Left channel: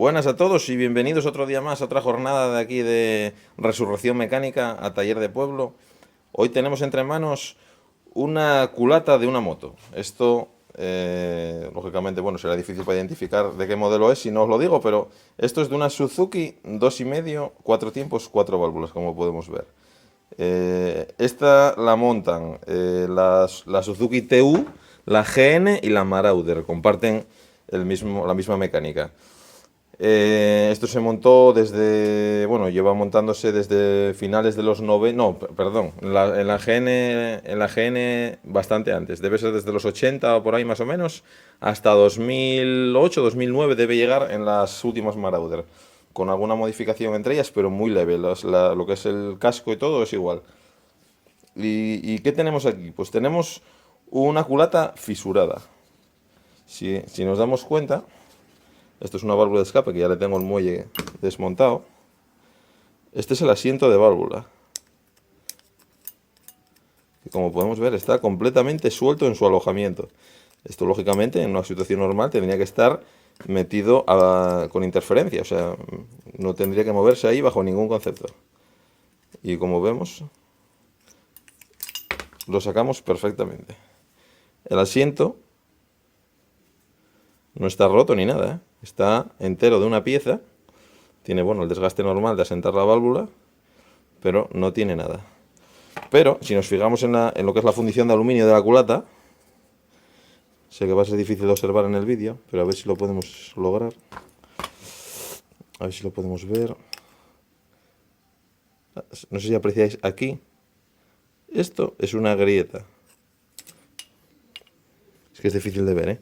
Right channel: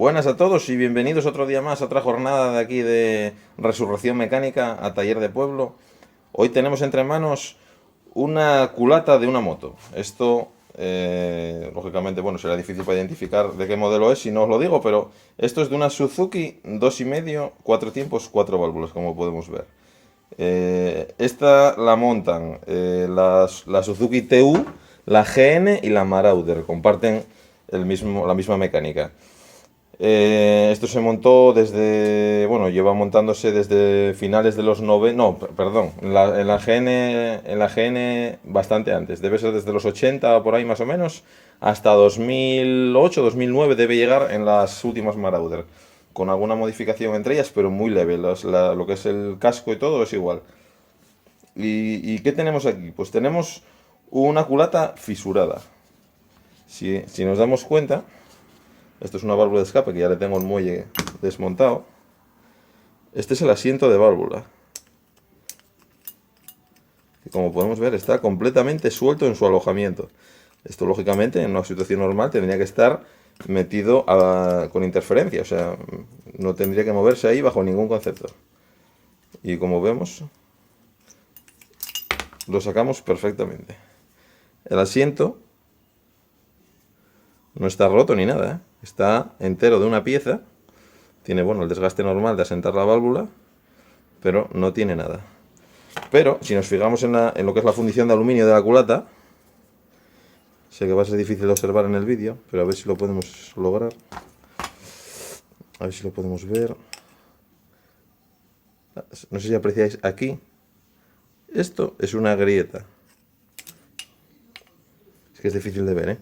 Buenas a todos y bienvenidos otro día más a otra jornada de aquí de Resurrección Mecánica a Taller de Pueblo. Hoy tenemos entre manos una culata de una moto. Esto, lógicamente, bueno, será difícil para identificar de qué modelo es si no os lo digo, pero esto es de una Suzuki 2,5, 4 tiempos, 4 válvulas, como podemos ver. Esta la montan la Suzuki TU, la GN y la Marauder. Comparten la misma mecánica. Esto se montó desde, bueno, lleva montándose desde finales de los 90, no, perdón, en la GN bastante antes, debe ser desde los 80 por ahí más o menos, hasta 2008, 2009 debe llegar en las últimas Marauder, con alguna modificación entre ellas, pero muy leve, lo que es el casco y todo es igual. ¿Y qué tenemos aquí? Pues tenemos una culata fisurada. Si nos damos cuenta, esto es una válvula de escape que ya le tengo el muelle desmontado. Este es el asiento de válvula, que como podemos ver está completamente suelto en su alojamiento. Esto lógicamente en una situación normal tendría que estar metido con interferencia, o sea, no tendría que moverse ahí bajo ningún concepto. Y como vemos, lo sacamos perfectamente. El asiento no está roto ni nada, ¿eh? Está entero de una pieza. Tiene, bueno, el desgaste normal de asentar la válvula, pero no tiene nada. Pero si nos fijamos en lo que es la fundición de aluminio de la culata, sé que va a ser difícil de observar en el vídeo, pero a ver si lo podemos lograr. A ver si lo podemos ver. No sé si apreciáis aquí. Esto es una grieta. Es que es difícil de ver, ¿eh?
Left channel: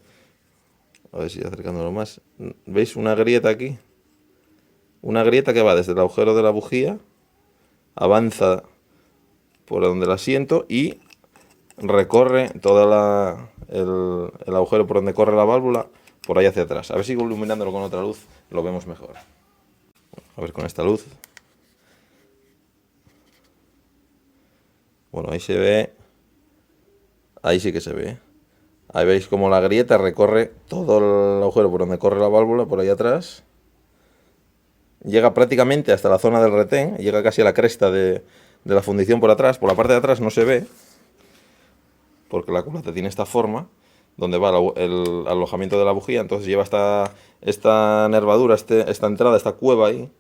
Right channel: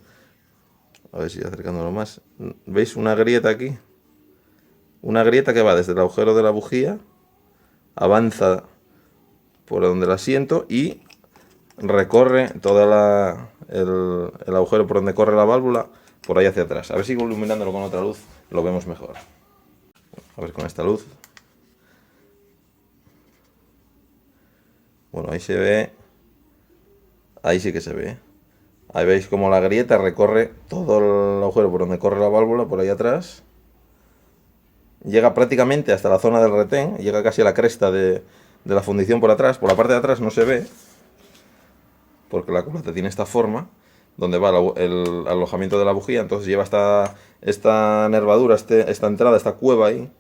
A ver si acercándolo más. ¿Veis una grieta aquí? Una grieta que va desde el agujero de la bujía, avanza por donde el asiento y recorre todo el agujero por donde corre la válvula, por ahí hacia atrás. A ver si iluminándolo con otra luz lo vemos mejor. A ver con esta luz. Bueno, ahí se ve. Ahí sí que se ve. Ahí veis como la grieta recorre todo el agujero por donde corre la válvula, por ahí atrás. Llega prácticamente hasta la zona del retén, llega casi a la cresta de la fundición por atrás. Por la parte de atrás no se ve, porque la culata tiene esta forma, donde va el alojamiento de la bujía, entonces lleva esta nervadura, esta entrada, esta cueva ahí,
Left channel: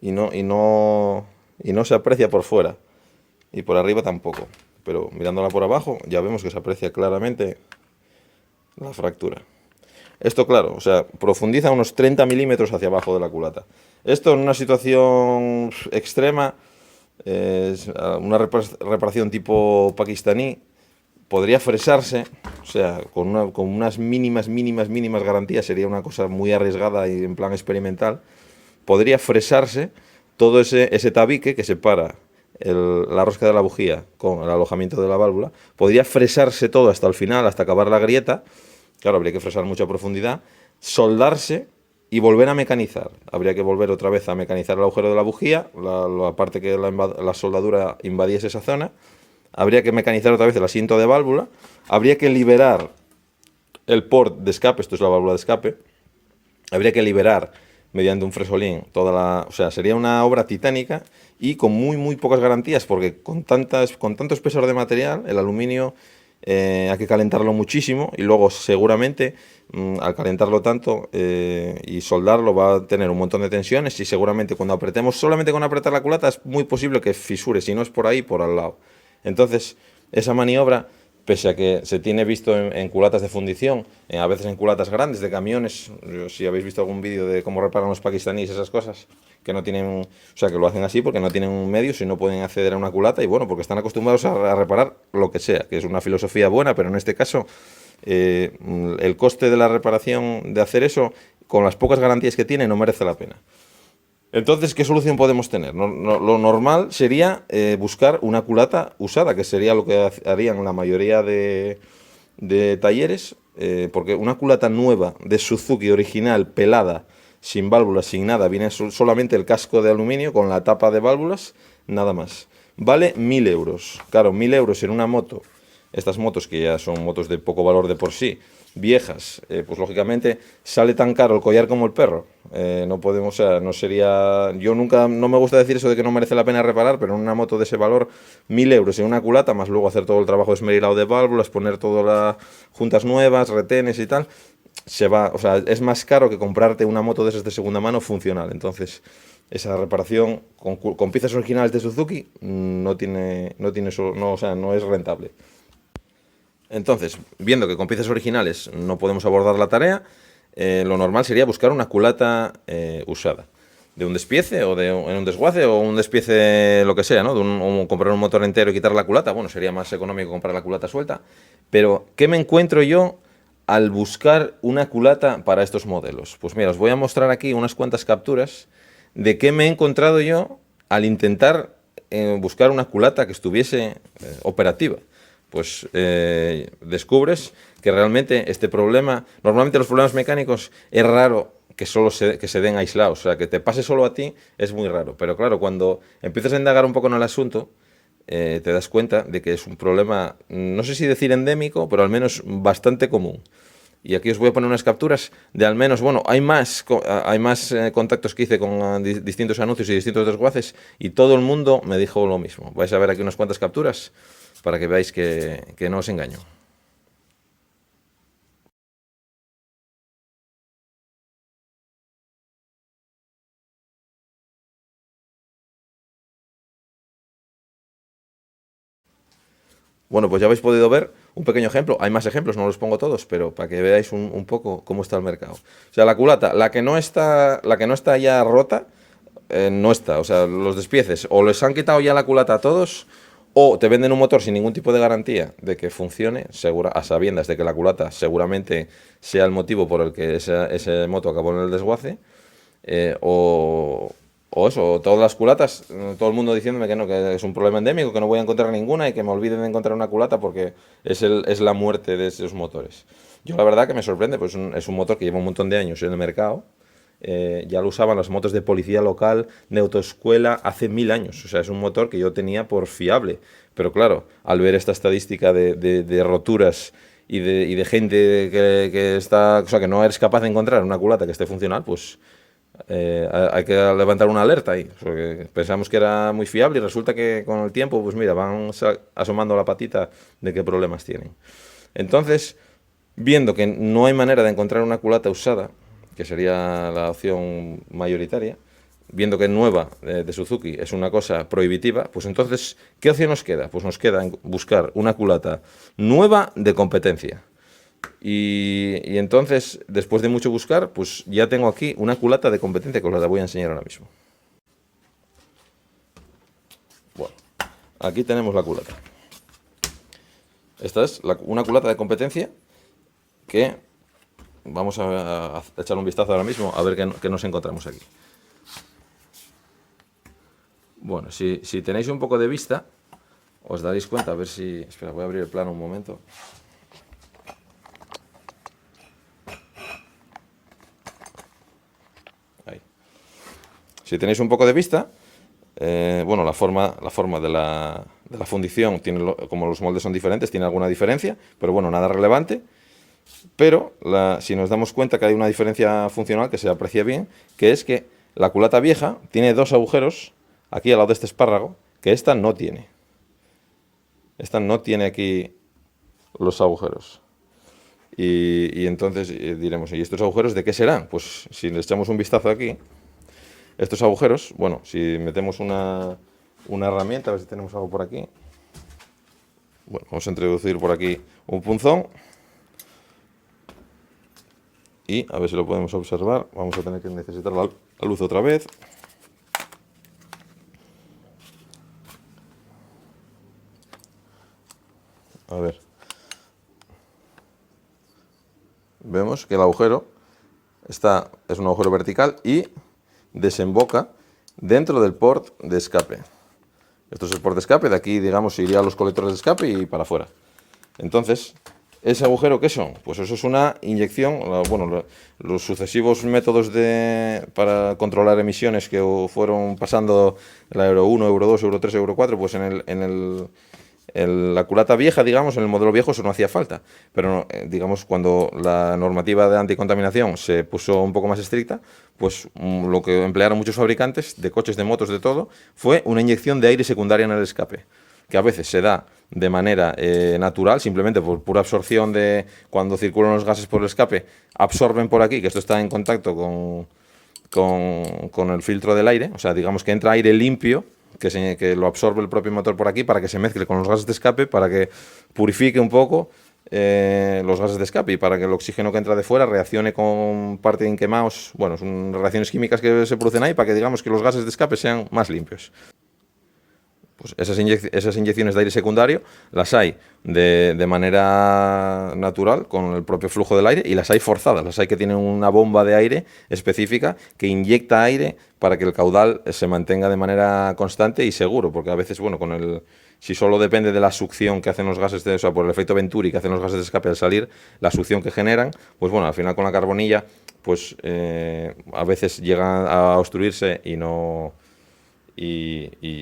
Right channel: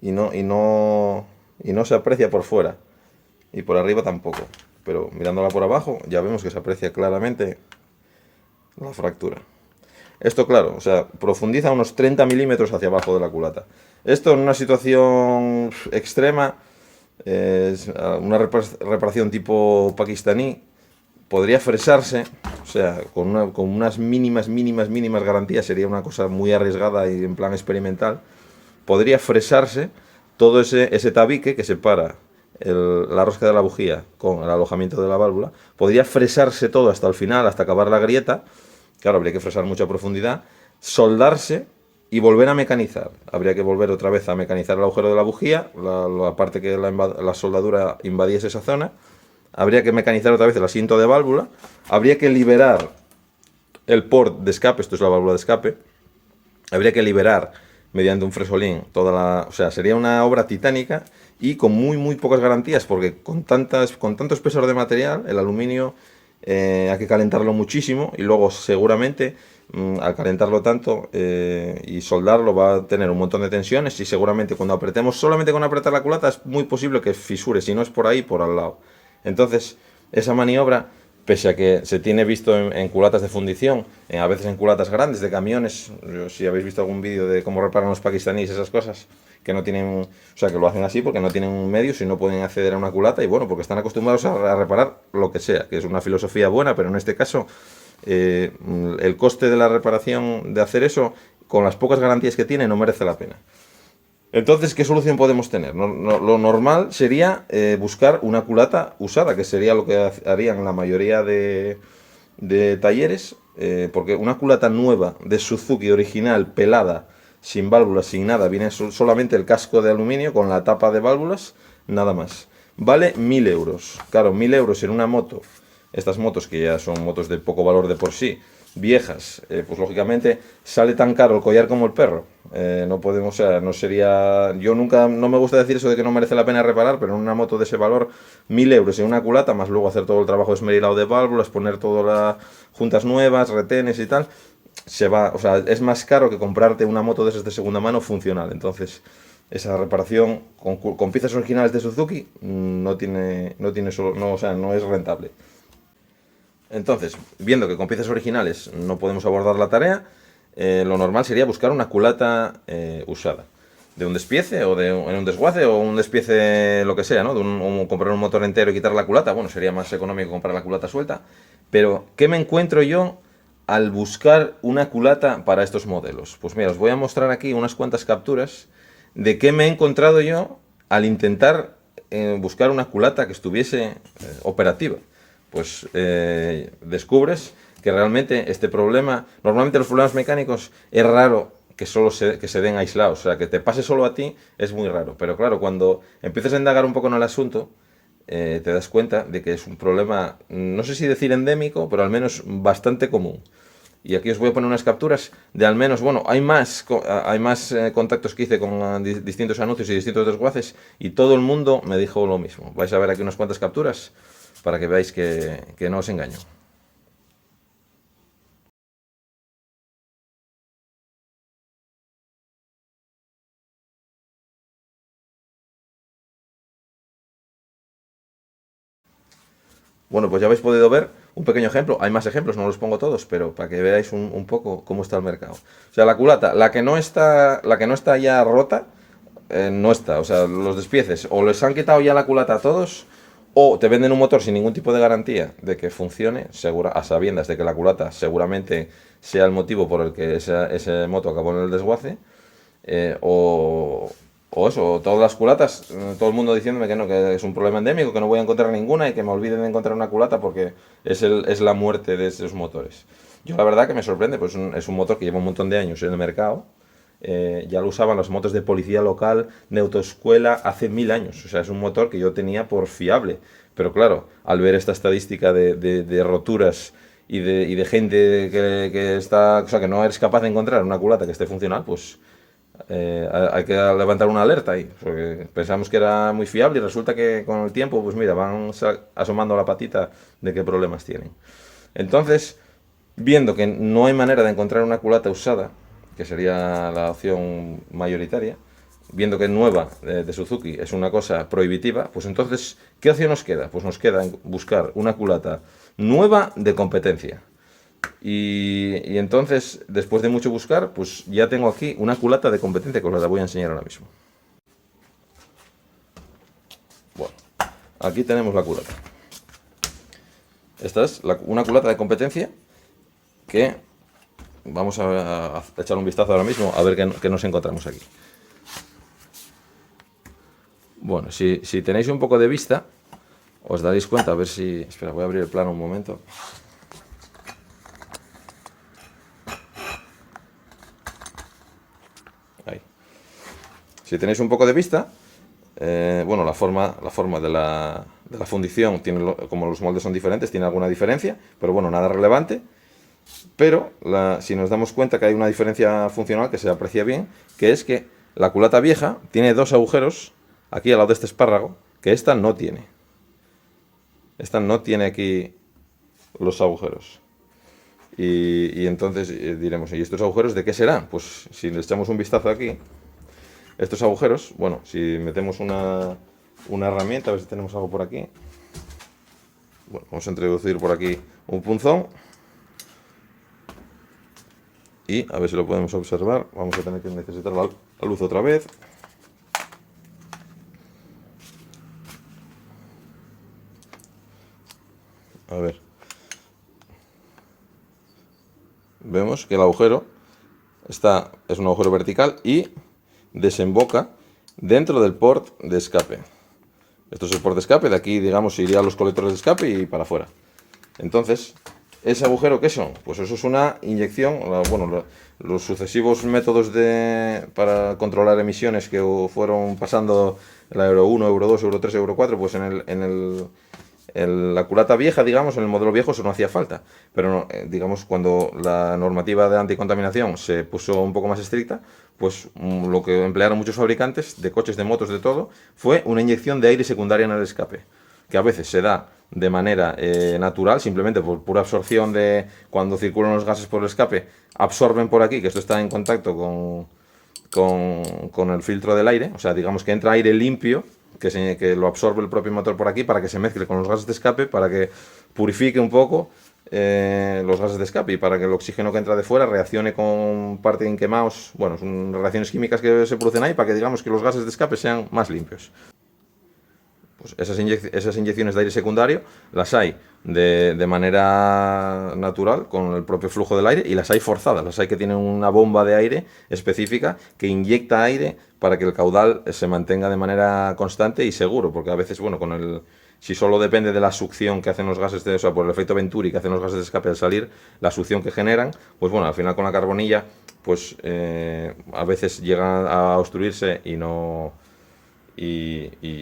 y no se aprecia por fuera, y por arriba tampoco. Pero mirándola por abajo ya vemos que se aprecia claramente la fractura. Esto, claro, o sea, profundiza unos 30 milímetros hacia abajo de la culata. Esto en una situación extrema, una reparación tipo pakistaní, podría fresarse, o sea, con unas mínimas garantías, sería una cosa muy arriesgada y en plan experimental, podría fresarse todo ese tabique que separa la rosca de la bujía con el alojamiento de la válvula, podría fresarse todo hasta el final, hasta acabar la grieta. Claro, habría que fresar mucha profundidad, soldarse y volver a mecanizar. Habría que volver otra vez a mecanizar el agujero de la bujía, la parte que la soldadura invadiese esa zona. Habría que mecanizar otra vez el asiento de válvula. Habría que liberar el port de escape, esto es la válvula de escape. Habría que liberar mediante un fresolín o sea, sería una obra titánica y con muy pocas garantías, porque con tanto espesor de material, el aluminio hay que calentarlo muchísimo y luego seguramente al calentarlo tanto y soldarlo va a tener un montón de tensiones y seguramente cuando apretemos, solamente con apretar la culata es muy posible que fisure, si no es por ahí, por al lado. Entonces esa maniobra, pese a que se tiene visto en culatas de fundición, a veces en culatas grandes de camiones, si habéis visto algún vídeo de cómo reparan los pakistaníes esas cosas, que no tienen, o sea, que lo hacen así porque no tienen medios y no pueden acceder a una culata y bueno, porque están acostumbrados a reparar lo que sea, que es una filosofía buena, pero en este caso el coste de la reparación de hacer eso, con las pocas garantías que tiene, no merece la pena. Entonces, ¿qué solución podemos tener? Lo normal sería buscar una culata usada, que sería lo que harían la mayoría de talleres, porque una culata nueva de Suzuki original, pelada, sin válvulas, sin nada, viene solamente el casco de aluminio con la tapa de válvulas, nada más. Vale 1.000 euros. Claro, 1.000 euros en una moto, estas motos que ya son motos de poco valor de por sí, viejas, pues lógicamente sale tan caro el collar como el perro. No podemos, o sea, no sería. Yo nunca, no me gusta decir eso de que no merece la pena reparar, pero en una moto de ese valor, 1.000 euros en una culata, más luego hacer todo el trabajo de esmerilado de válvulas, poner todas las juntas nuevas, retenes y tal, se va, o sea, es más caro que comprarte una moto de esas de segunda mano funcional. Entonces, esa reparación con piezas originales de Suzuki o sea, no es rentable. Entonces, viendo que con piezas originales no podemos abordar la tarea, lo normal sería buscar una culata usada. De un despiece o en un desguace o un despiece lo que sea, ¿no? Comprar un motor entero y quitar la culata. Bueno, sería más económico comprar la culata suelta. Pero, ¿qué me encuentro yo al buscar una culata para estos modelos? Pues mira, os voy a mostrar aquí unas cuantas capturas de qué me he encontrado yo al intentar buscar una culata que estuviese operativa. Pues descubres que realmente este problema, normalmente los problemas mecánicos es raro que que se den aislados, o sea, que te pase solo a ti es muy raro, pero claro, cuando empiezas a indagar un poco en el asunto, te das cuenta de que es un problema, no sé si decir endémico, pero al menos bastante común. Y aquí os voy a poner unas capturas de al menos, bueno, hay más contactos que hice con distintos anuncios y distintos desguaces y todo el mundo me dijo lo mismo. Vais a ver aquí unas cuantas capturas para que veáis que no os engaño. Bueno, pues ya habéis podido ver un pequeño ejemplo. Hay más ejemplos, no los pongo todos, pero para que veáis un poco cómo está el mercado. O sea, la culata, la que no está ya rota, no está. O sea, los despieces o les han quitado ya la culata a todos, o te venden un motor sin ningún tipo de garantía de que funcione, a sabiendas de que la culata seguramente sea el motivo por el que ese moto acabó en el desguace, eh, o, o eso, o todas las culatas, todo el mundo diciéndome que no, que es un problema endémico, que no voy a encontrar ninguna y que me olviden de encontrar una culata porque es la muerte de esos motores. Yo la verdad que me sorprende, pues es un motor que lleva un montón de años en el mercado. Ya lo usaban las motos de policía local, de autoescuela, hace 1.000 años. O sea, es un motor que yo tenía por fiable. Pero claro, al ver esta estadística de roturas y de gente que está, o sea, que no eres capaz de encontrar una culata que esté funcional, pues hay que levantar una alerta ahí, porque pensamos que era muy fiable y resulta que con el tiempo, pues mira, van asomando la patita de qué problemas tienen. Entonces, viendo que no hay manera de encontrar una culata usada, que sería la opción mayoritaria, viendo que nueva de Suzuki es una cosa prohibitiva, pues entonces, ¿qué opción nos queda? Pues nos queda buscar una culata nueva de competencia. Y entonces, después de mucho buscar, pues ya tengo aquí una culata de competencia que os la voy a enseñar ahora mismo. Bueno, aquí tenemos la culata. Esta es una culata de competencia que vamos a echar un vistazo ahora mismo a ver qué nos encontramos aquí. Bueno, si tenéis un poco de vista, os daréis cuenta, a ver si. Espera, voy a abrir el plano un momento. Ahí. Si tenéis un poco de vista, bueno, la forma de la fundición, como los moldes son diferentes, tiene alguna diferencia, pero bueno, nada relevante. Pero si nos damos cuenta que hay una diferencia funcional que se aprecia bien, que es que la culata vieja tiene dos agujeros aquí al lado de este espárrago, que esta no tiene. Esta no tiene aquí los agujeros. Y entonces diremos, ¿y estos agujeros de qué serán? Pues si le echamos un vistazo aquí, estos agujeros, bueno, si metemos una herramienta, a ver si tenemos algo por aquí. Bueno, vamos a introducir por aquí un punzón. Y a ver si lo podemos observar. Vamos a tener que necesitar la luz otra vez. A ver. Vemos que el agujero es un agujero vertical y desemboca dentro del port de escape. Esto es el port de escape, de aquí, digamos, iría a los colectores de escape y para afuera. Entonces, ¿ese agujero qué son? Pues eso es una inyección, bueno, los sucesivos métodos para controlar emisiones que fueron pasando la Euro 1, Euro 2, Euro 3, Euro 4, pues la culata vieja, digamos, en el modelo viejo eso no hacía falta. Pero, digamos, cuando la normativa de anticontaminación se puso un poco más estricta, pues lo que emplearon muchos fabricantes de coches, de motos, de todo, fue una inyección de aire secundaria en el escape, que a veces se da de manera natural, simplemente por pura absorción de cuando circulan los gases por el escape, absorben por aquí, que esto está en contacto con el filtro del aire, o sea, digamos que entra aire limpio, que lo absorbe el propio motor por aquí para que se mezcle con los gases de escape, para que purifique un poco los gases de escape y para que el oxígeno que entra de fuera reaccione con parte de quemados, bueno, son reacciones químicas que se producen ahí para que digamos que los gases de escape sean más limpios. Pues esas inyecciones de aire secundario las hay de manera natural con el propio flujo del aire y las hay forzadas, las hay que tienen una bomba de aire específica que inyecta aire para que el caudal se mantenga de manera constante y seguro, porque a veces, bueno, si solo depende de la succión que hacen los gases, o sea, por el efecto Venturi que hacen los gases de escape al salir, la succión que generan, pues bueno, al final con la carbonilla, pues a veces llegan a obstruirse y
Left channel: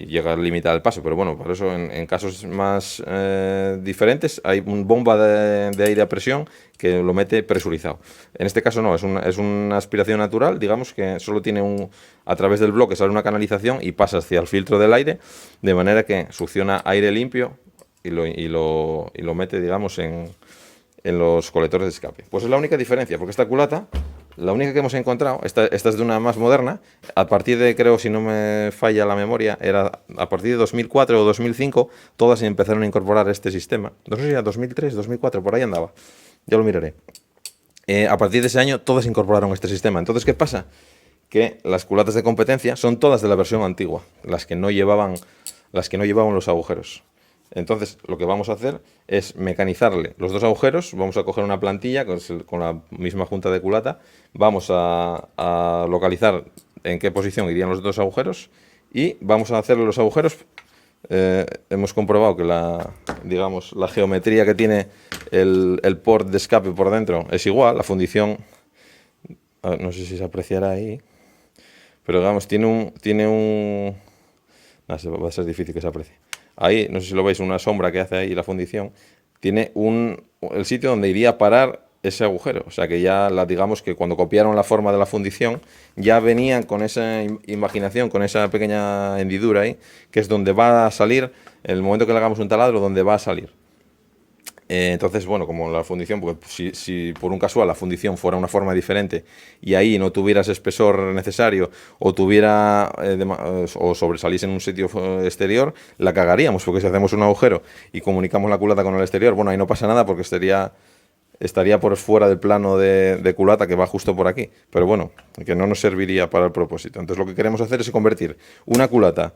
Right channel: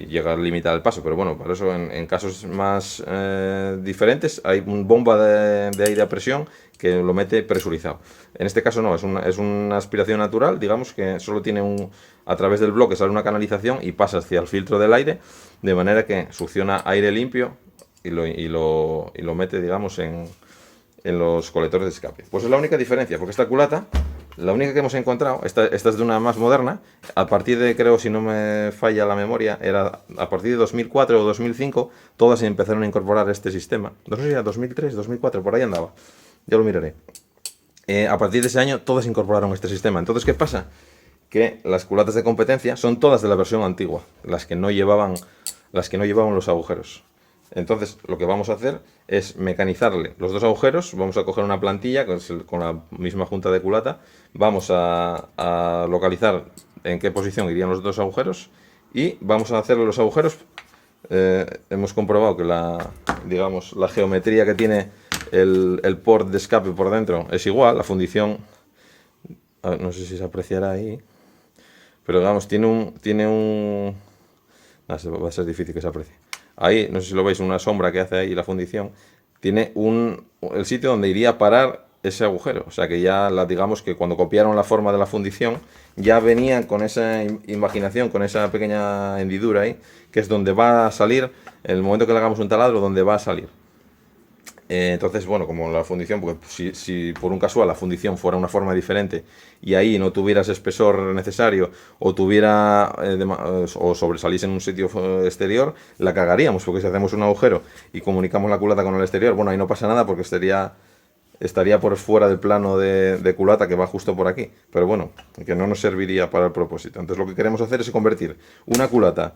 llega al límite del paso. Pero bueno, por eso en casos más diferentes hay una bomba de aire a presión que lo mete presurizado. En este caso no, es una aspiración natural, digamos que solo tiene a través del bloque sale una canalización y pasa hacia el filtro del aire, de manera que succiona aire limpio y lo mete, digamos, en los colectores de escape. Pues es la única diferencia, porque esta culata, la única que hemos encontrado, esta es de una más moderna, a partir de, creo, si no me falla la memoria, era a partir de 2004 o 2005, todas empezaron a incorporar este sistema. No sé si era 2003, 2004, por ahí andaba, ya lo miraré. A partir de ese año, todas incorporaron este sistema. Entonces, ¿qué pasa? Que las culatas de competencia son todas de la versión antigua, las que no llevaban los agujeros. Entonces, lo que vamos a hacer es mecanizarle los dos agujeros. Vamos a coger una plantilla con la misma junta de culata. Vamos a localizar en qué posición irían los dos agujeros y vamos a hacerle los agujeros. Hemos comprobado que digamos, la geometría que tiene el port de escape por dentro es igual. La fundición, a ver, no sé si se apreciará ahí, pero digamos, tiene un... va a ser difícil que se aprecie. Ahí, no sé si lo veis, una sombra que hace ahí la fundición, tiene el sitio donde iría a parar ese agujero. O sea que ya, digamos que cuando copiaron la forma de la fundición, ya venían con esa imaginación, con esa pequeña hendidura ahí, que es donde va a salir, en el momento que le hagamos un taladro, donde va a salir. Entonces, bueno, como la fundición, pues si por un casual la fundición fuera una forma diferente y ahí no tuviera ese espesor necesario o tuviera o sobresaliese en un sitio exterior, la cagaríamos, porque si hacemos un agujero y comunicamos la culata con el exterior, bueno, ahí no pasa nada porque estaría por fuera del plano de culata que va justo por aquí. Pero bueno, que no nos serviría para el propósito. Entonces lo que queremos hacer es convertir una culata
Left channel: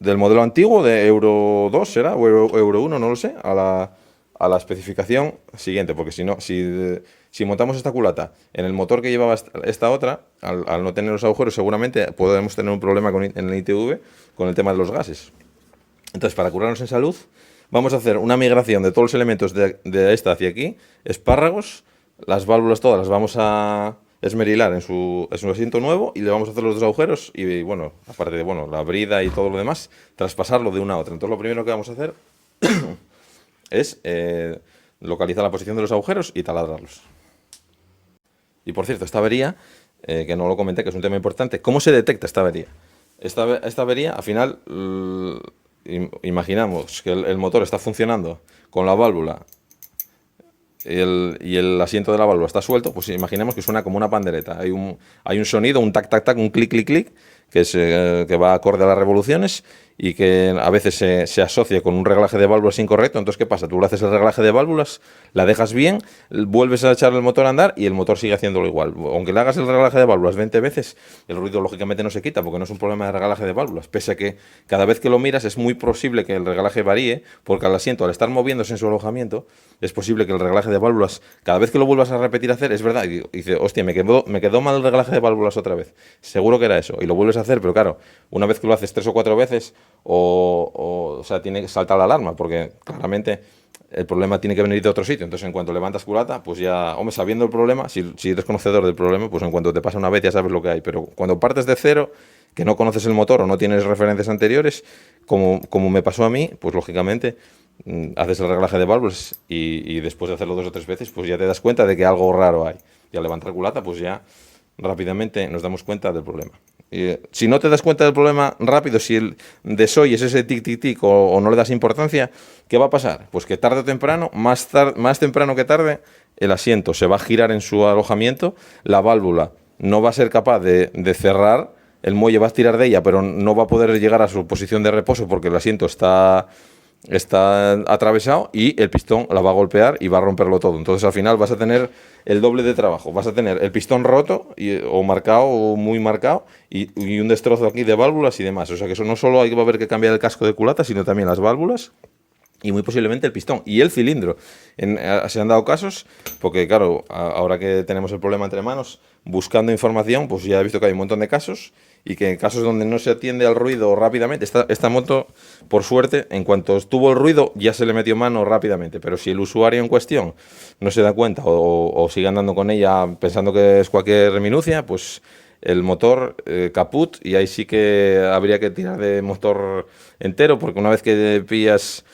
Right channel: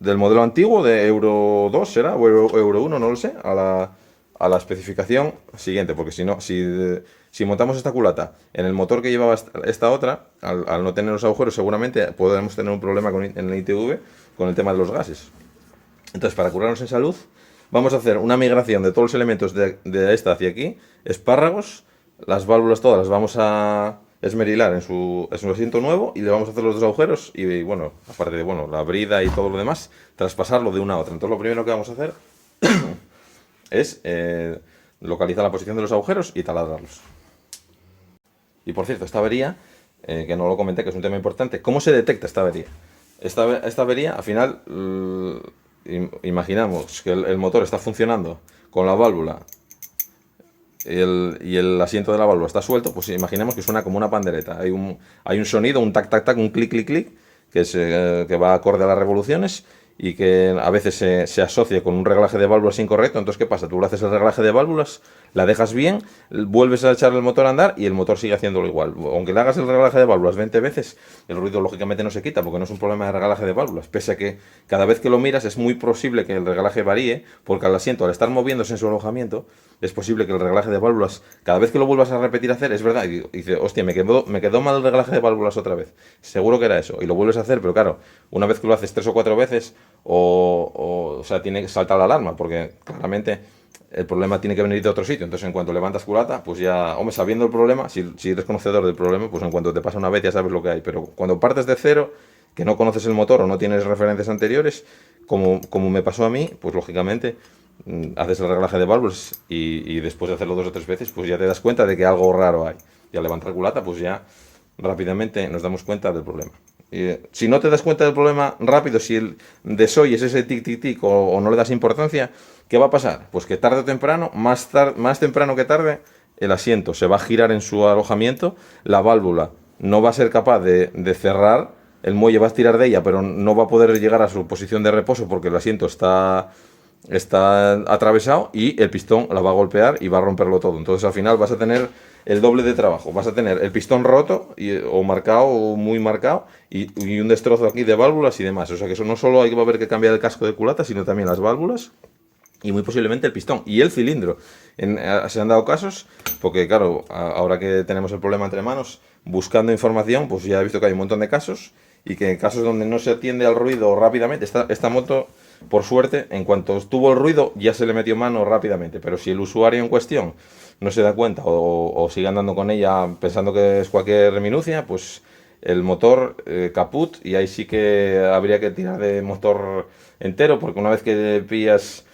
del modelo antiguo, de Euro 2 será, o Euro 1, no lo sé, a la especificación siguiente, porque si no, si montamos esta culata en el motor que llevaba esta otra, al no tener los agujeros, seguramente podemos tener un problema en el ITV con el tema de los gases. Entonces, para curarnos en salud, vamos a hacer una migración de todos los elementos de esta hacia aquí, espárragos, las válvulas todas las vamos a esmerilar en su asiento nuevo y le vamos a hacer los dos agujeros y bueno, aparte de bueno, la brida y todo lo demás, traspasarlo de una a otra. Entonces, lo primero que vamos a hacer es localizar la posición de los agujeros y taladrarlos. Y por cierto, esta avería, que no lo comenté, que es un tema importante, ¿cómo se detecta esta avería? Esta avería, al final, imaginamos que el motor está funcionando con la válvula y el asiento de la válvula está suelto, pues imaginemos que suena como una pandereta. Hay un sonido, un tac, tac, tac, un clic, clic, clic, que va acorde a las revoluciones y que a veces se asocia con un reglaje de válvulas incorrecto. Entonces, ¿qué pasa? Tú le haces el reglaje de válvulas, la dejas bien, vuelves a echar el motor a andar y el motor sigue haciéndolo igual. Aunque le hagas el reglaje de válvulas 20 veces, el ruido lógicamente no se quita porque no es un problema de reglaje de válvulas. Pese a que cada vez que lo miras es muy posible que el reglaje varíe, porque al asiento, al estar moviéndose en su alojamiento, es posible que el reglaje de válvulas, cada vez que lo vuelvas a repetir a hacer, es verdad, y dice, hostia, me quedó mal el reglaje de válvulas otra vez. Seguro que era eso. Y lo vuelves a hacer, pero claro, una vez que lo haces 3 o 4 veces, o sea, tiene que saltar la alarma, porque claramente el problema tiene que venir de otro sitio. Entonces, en cuanto levantas culata, pues ya, hombre, sabiendo el problema, si eres conocedor del problema, pues en cuanto te pasa una vez ya sabes lo que hay. Pero cuando partes de cero, que no conoces el motor o no tienes referencias anteriores, como me pasó a mí, pues lógicamente haces el reglaje de válvulas y después de hacerlo 2 o 3 veces, pues ya te das cuenta de que algo raro hay. Y al levantar culata, pues ya rápidamente nos damos cuenta del problema. Si no te das cuenta del problema rápido, si el desoyes ese tic tic tic o no le das importancia, ¿qué va a pasar? Pues que tarde o temprano, más temprano que tarde, el asiento se va a girar en su alojamiento, la válvula no va a ser capaz de cerrar, el muelle va a tirar de ella, pero no va a poder llegar a su posición de reposo porque el asiento está atravesado y el pistón la va a golpear y va a romperlo todo. Entonces al final vas a tener el doble de trabajo. Vas a tener el pistón roto o marcado o muy marcado y un destrozo aquí de válvulas y demás. O sea que eso no solo va a haber que cambiar el casco de culata, sino también las válvulas y muy posiblemente el pistón y el cilindro. Se han dado casos, porque claro, ahora que tenemos el problema entre manos, buscando información, pues ya he visto que hay un montón de casos y que en casos donde no se atiende al ruido rápidamente, esta moto, por suerte, en cuanto estuvo el ruido, ya se le metió mano rápidamente. Pero si el usuario en cuestión no se da cuenta o sigue andando con ella pensando que es cualquier minucia, pues el motor caput y ahí sí que habría que tirar de motor entero, porque una vez que pillas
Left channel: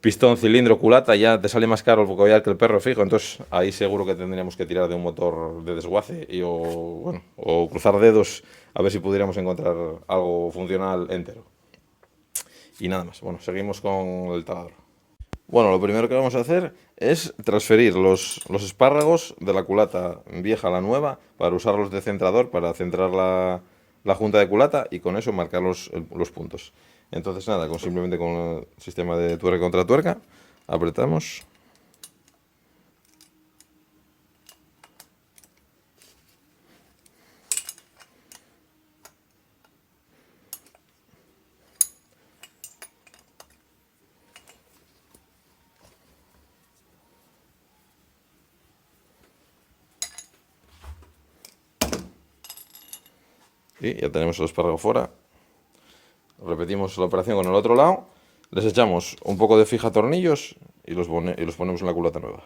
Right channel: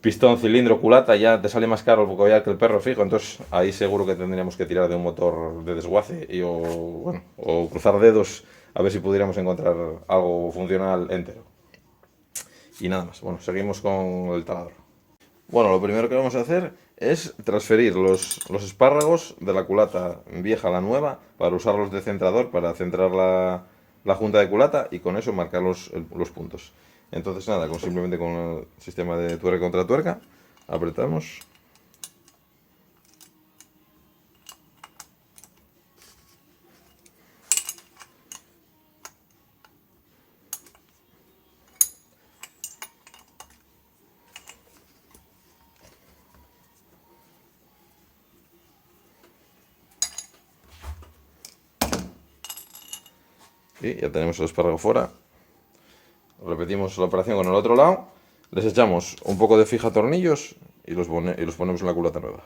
pistón, cilindro, culata, ya te sale más caro el collar que el perro fijo, entonces ahí seguro que tendríamos que tirar de un motor de desguace o cruzar dedos a ver si pudiéramos encontrar algo funcional entero. Y nada más, bueno, seguimos con el taladro. Bueno, lo primero que vamos a hacer es transferir los espárragos de la culata vieja a la nueva para usarlos de centrador para centrar la junta de culata y con eso marcar los puntos. Entonces nada, simplemente con el sistema de tuerca contra tuerca, apretamos. Y ya tenemos el espárrago fuera. Repetimos la operación con el otro lado. Les echamos un poco de fija tornillos y los ponemos en la culata nueva.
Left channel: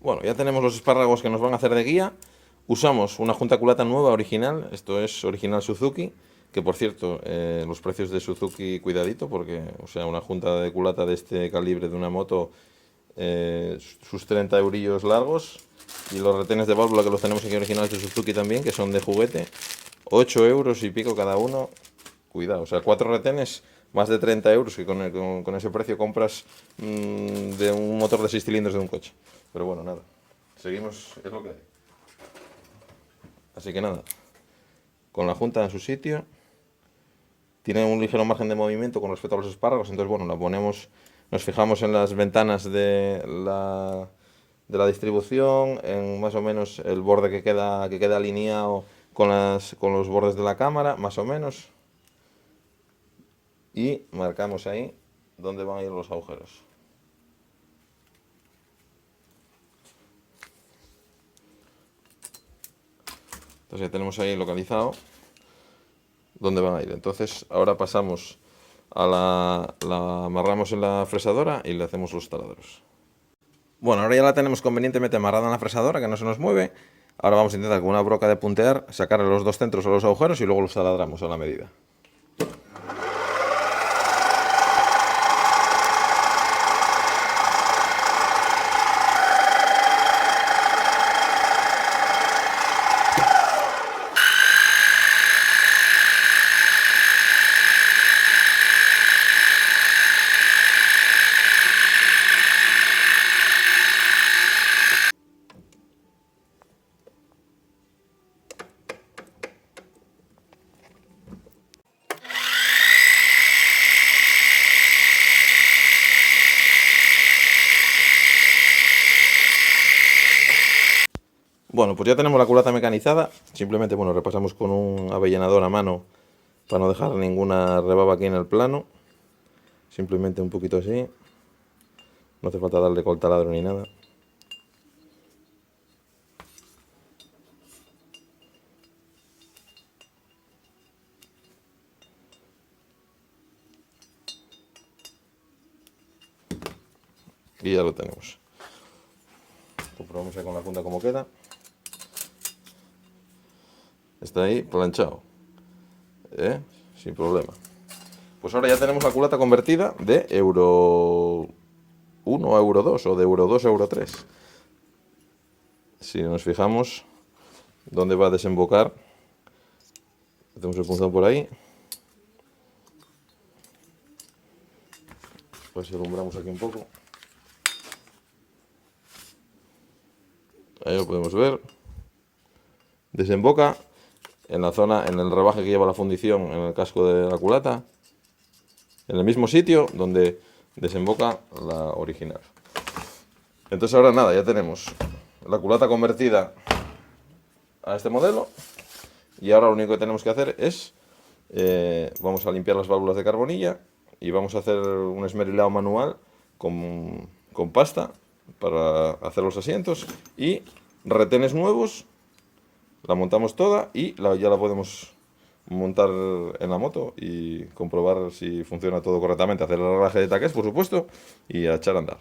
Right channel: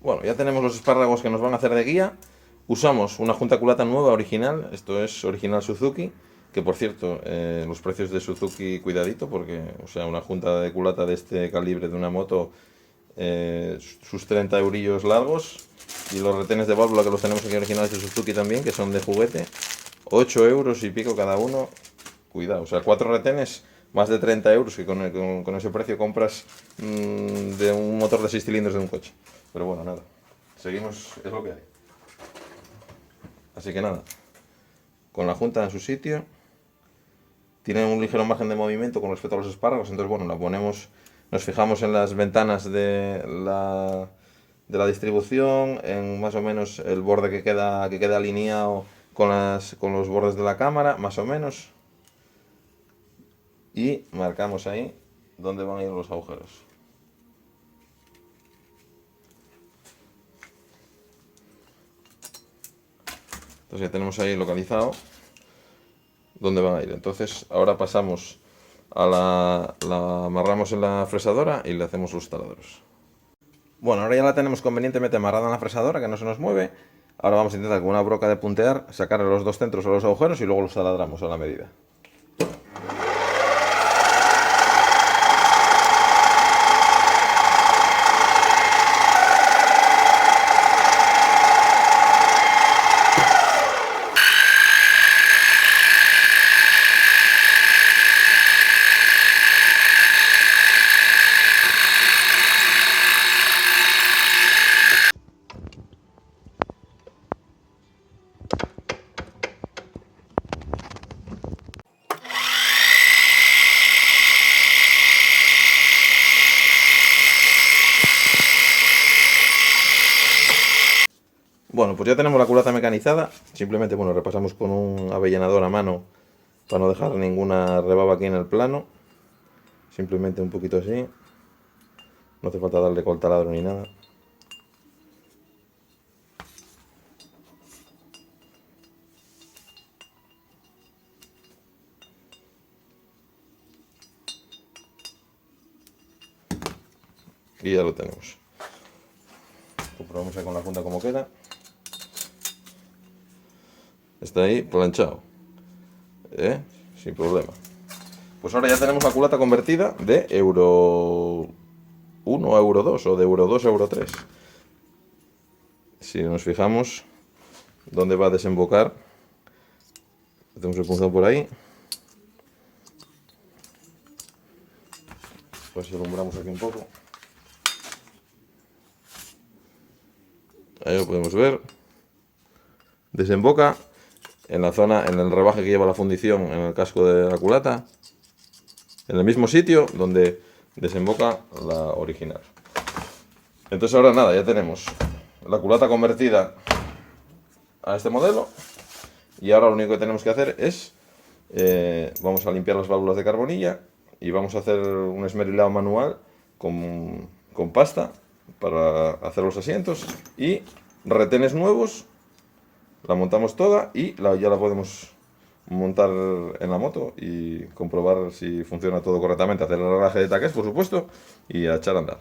Bueno, ya tenemos los espárragos que nos van a hacer de guía. Usamos una junta culata nueva original, esto es original Suzuki, que por cierto, los precios de Suzuki, cuidadito, porque, o sea, una junta de culata de este calibre de una moto, sus 30 eurillos largos, y los retenes de válvula que los tenemos aquí originales de Suzuki también, que son de juguete, 8 euros y pico cada uno, cuidado, o sea, 4 retenes, más de 30 euros, que con ese precio compras de un motor de 6 cilindros de un coche. Pero bueno, nada, seguimos, es lo que hay. Así que nada, con la junta en su sitio, tiene un ligero margen de movimiento con respecto a los espárragos, entonces bueno, la ponemos, nos fijamos en las ventanas de la distribución, en más o menos el borde que queda alineado con los bordes de la cámara, más o menos, y marcamos ahí dónde van a ir los agujeros. Entonces ya tenemos ahí localizado dónde van a ir. Entonces ahora pasamos la amarramos en la fresadora y le hacemos los taladros. Bueno, ahora ya la tenemos convenientemente amarrada en la fresadora, que no se nos mueve. Ahora vamos a intentar con una broca de puntear sacarle los dos centros a los agujeros y luego los taladramos a la medida. Bueno, pues ya tenemos la culata mecanizada. Simplemente, bueno, repasamos con un avellanador a mano para no dejar ninguna rebaba aquí en el plano. Simplemente un poquito así. No hace falta darle con el taladro ni nada. Y ya lo tenemos. Comprobamos ya con la funda cómo queda. Está ahí planchado, sin problema. Pues ahora ya tenemos la culata convertida de Euro 1 a Euro 2 o de Euro 2 a Euro 3. Si nos fijamos dónde va a desembocar, tenemos el punzón por ahí. Pues alumbramos aquí un poco. Ahí lo podemos ver. Desemboca en la zona, en el rebaje que lleva la fundición en el casco de la culata, en el mismo sitio donde desemboca la original. Entonces ahora nada, ya tenemos la culata convertida a este modelo y ahora lo único que tenemos que hacer es vamos a limpiar las válvulas de carbonilla y vamos a hacer un esmerilado manual con pasta para hacer los asientos y retenes nuevos. La montamos toda y ya la podemos montar en la moto y comprobar si funciona todo correctamente. Hacer el reglaje de taques, por supuesto, y a echar a andar.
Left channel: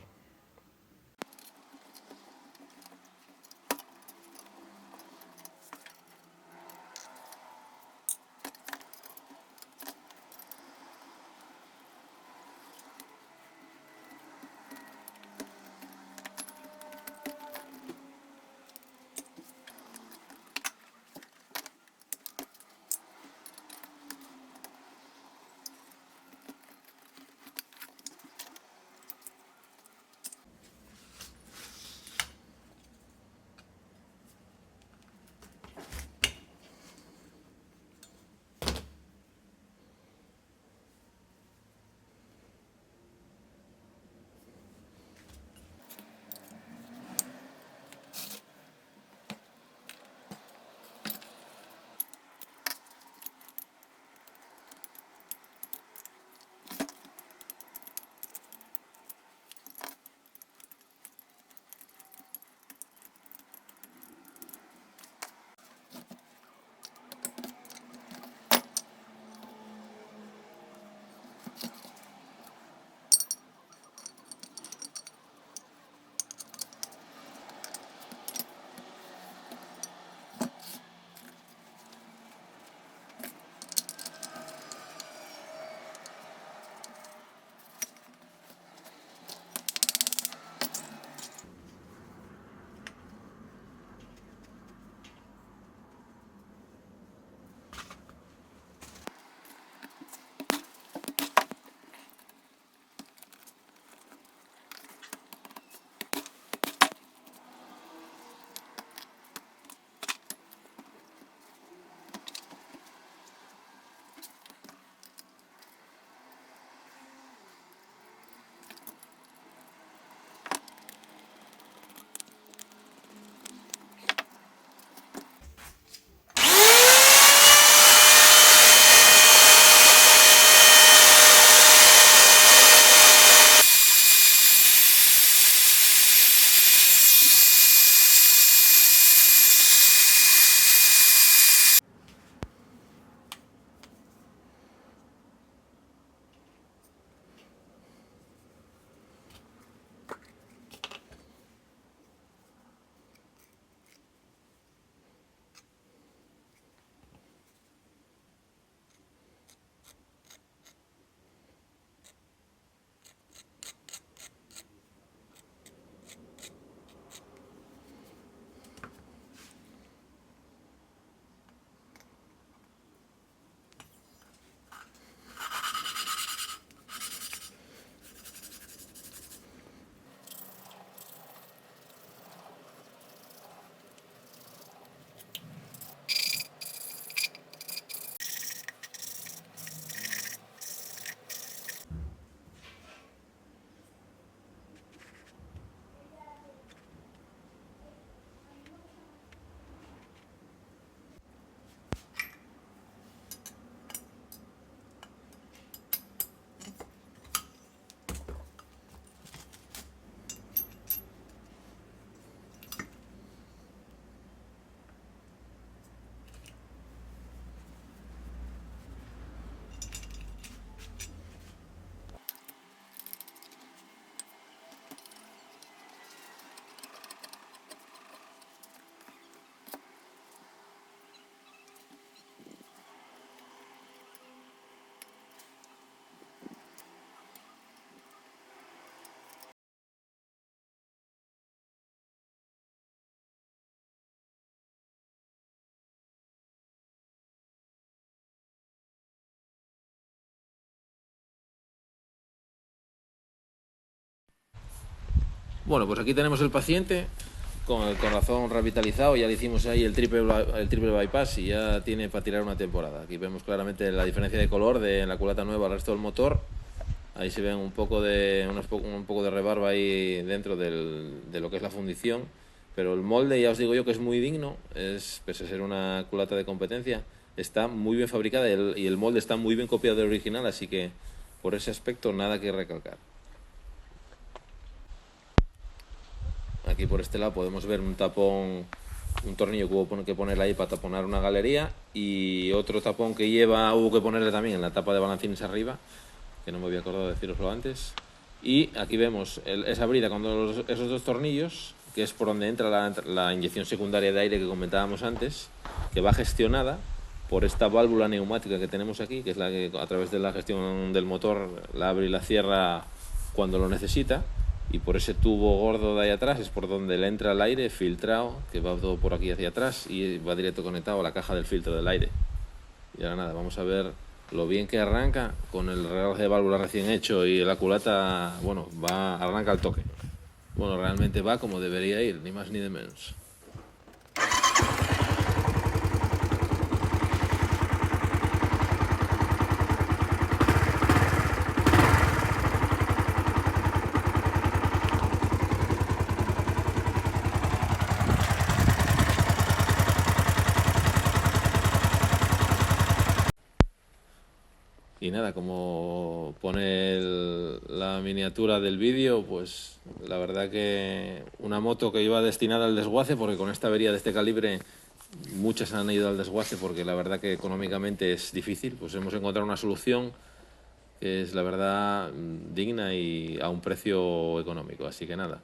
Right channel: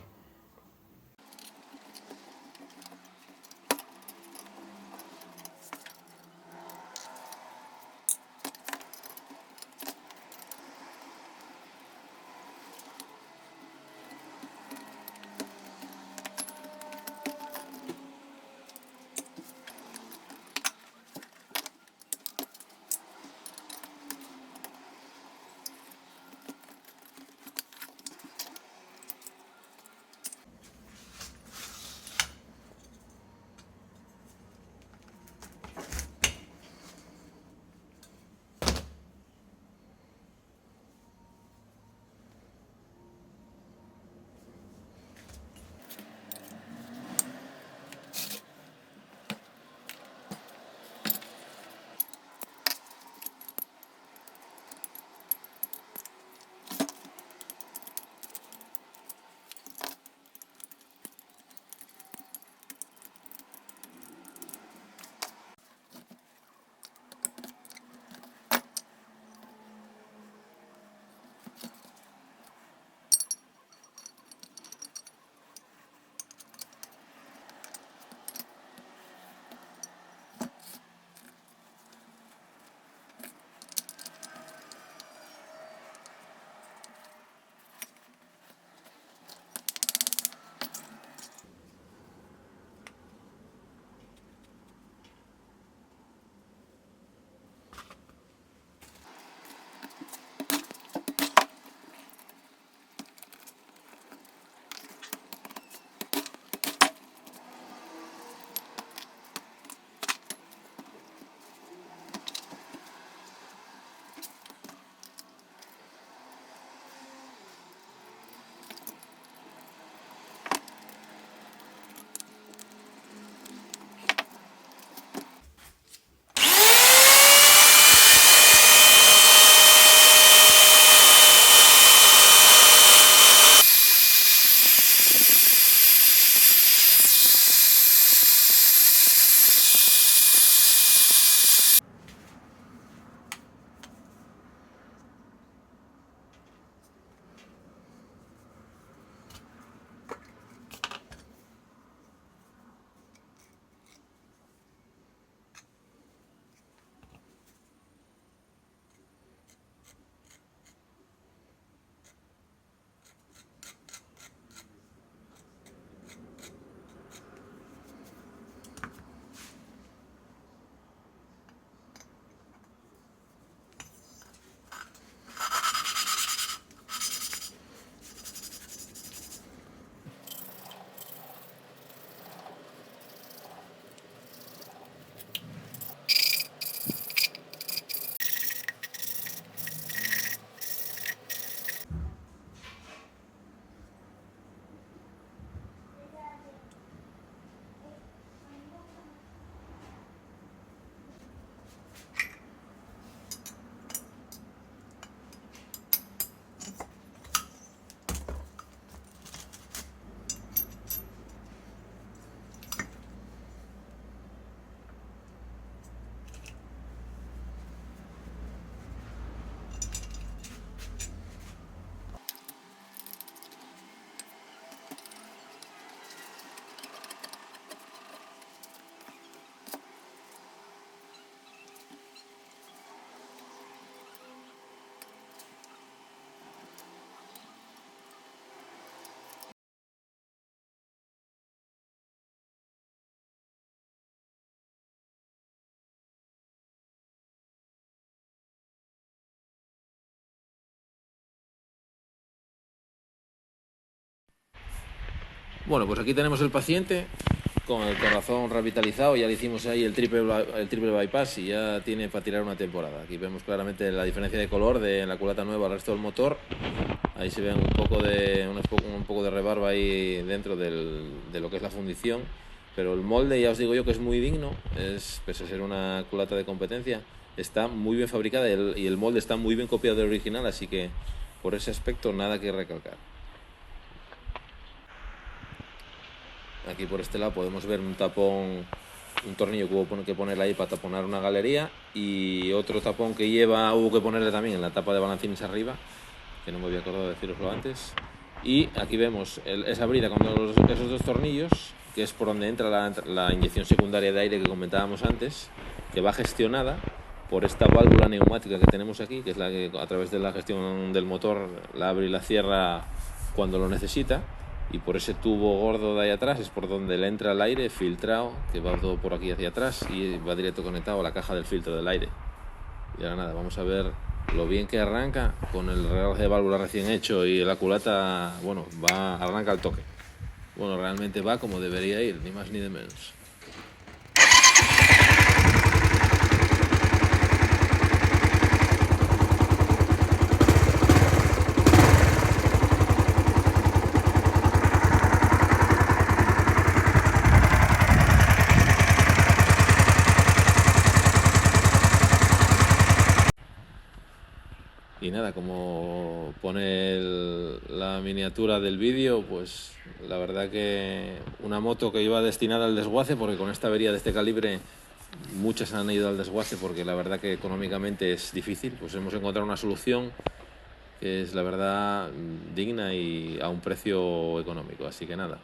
Bueno, pues aquí tenemos el paciente con el corazón revitalizado. Ya le hicimos ahí el triple bypass y ya tiene para tirar una temporada. Aquí vemos claramente la diferencia de color de la culata nueva al resto del motor. Ahí se ve un poco de rebarba ahí dentro de lo que es la fundición. Pero el molde, ya os digo yo que es muy digno, pese a ser una culata de competencia, está muy bien fabricada y el molde está muy bien copiado del original, así que por ese aspecto nada que recalcar. Aquí por este lado podemos ver un tapón, un tornillo que hubo que ponerle ahí para taponar una galería, y otro tapón que hubo que ponerle también en la tapa de balancines arriba, que no me había acordado de deciroslo antes. Y aquí vemos esa brida con esos dos tornillos, que es por donde entra la inyección secundaria de aire que comentábamos antes, que va gestionada por esta válvula neumática que tenemos aquí, que es la que a través de la gestión del motor la abre y la cierra cuando lo necesita, y por ese tubo gordo de ahí atrás es por donde le entra el aire filtrado, que va todo por aquí hacia atrás y va directo conectado a la caja del filtro del aire. Y ahora nada, vamos a ver lo bien que arranca con el reloj de válvula recién hecho, y la culata, bueno, arranca al toque. Bueno, realmente va como debería ir, ni más ni de menos. Y nada, como pone la miniatura del vídeo, pues la verdad que una moto que iba destinada al desguace, porque con esta avería de este calibre muchas han ido al desguace, porque la verdad que económicamente es difícil. Pues hemos encontrado una solución que es la verdad digna y a un precio económico. Así que nada,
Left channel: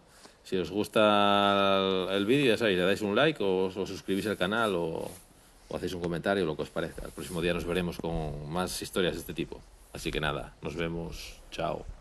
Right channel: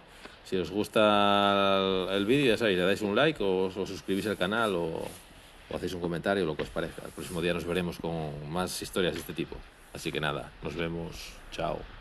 si os gusta el vídeo, ya sabéis, le dais un like o os suscribís al canal o hacéis un comentario, lo que os parezca. El próximo día nos veremos con más historias de este tipo. Así que nada, nos vemos. Chao.